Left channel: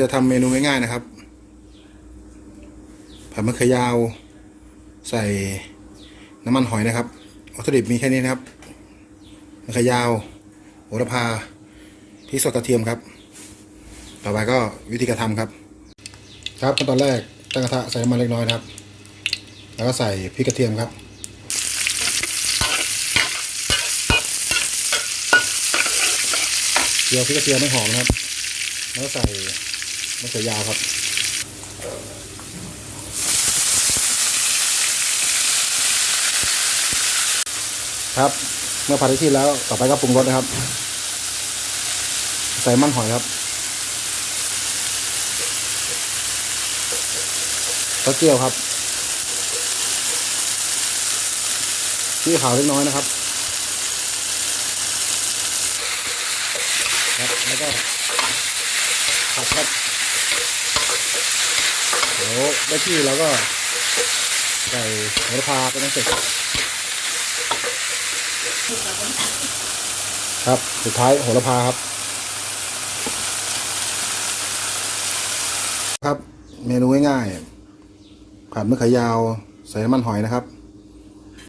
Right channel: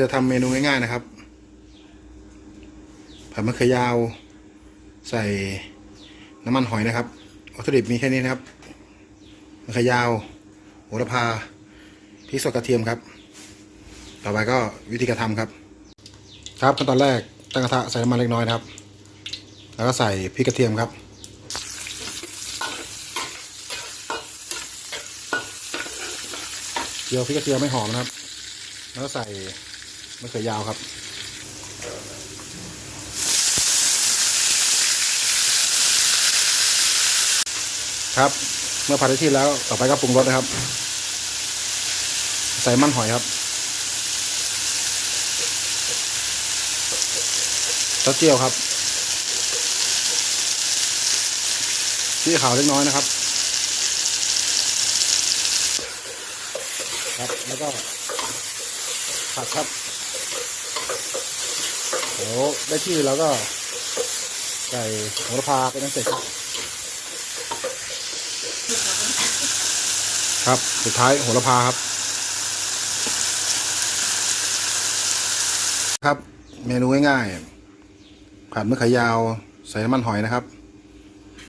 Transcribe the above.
จะทำเมนูง่ายๆนะครับผัดมะเขือยาว ใส่น้ำมันหอยนะครับวัตถุดิบมีแค่นี้นะครับมะเขือยาวโหระพาพริกสดกระเทียมครับ ต่อไปก็วิธีการทำครับ ครับขั้นตอนแรกตั้งกระทะใส่น้ำมันเล็กน้อยนะครับ แล้วก็ใส่พริกกระเทียมครับเจียวพริกกระเทียมไม่หอมนะครับ แล้วใส่ มะเขือยาวครับครับ เมื่อผัดได้ที่แล้วต่อไปก็ปรุงรสนะครับ ใส่มันหอยครับต้าเจียวครับที่ขาวเล็กน้อยนะครับ ครับแล้วก็ ผัดครับเดี๋ยวได้ที่เราก็ใส่โหระพาเป็นอันเสร็จครับ สุดท้ายโหระพาครับ ครับ เมนูง่ายๆผัดมะเขือยาว ใส่น้ำมันหอยนะครับ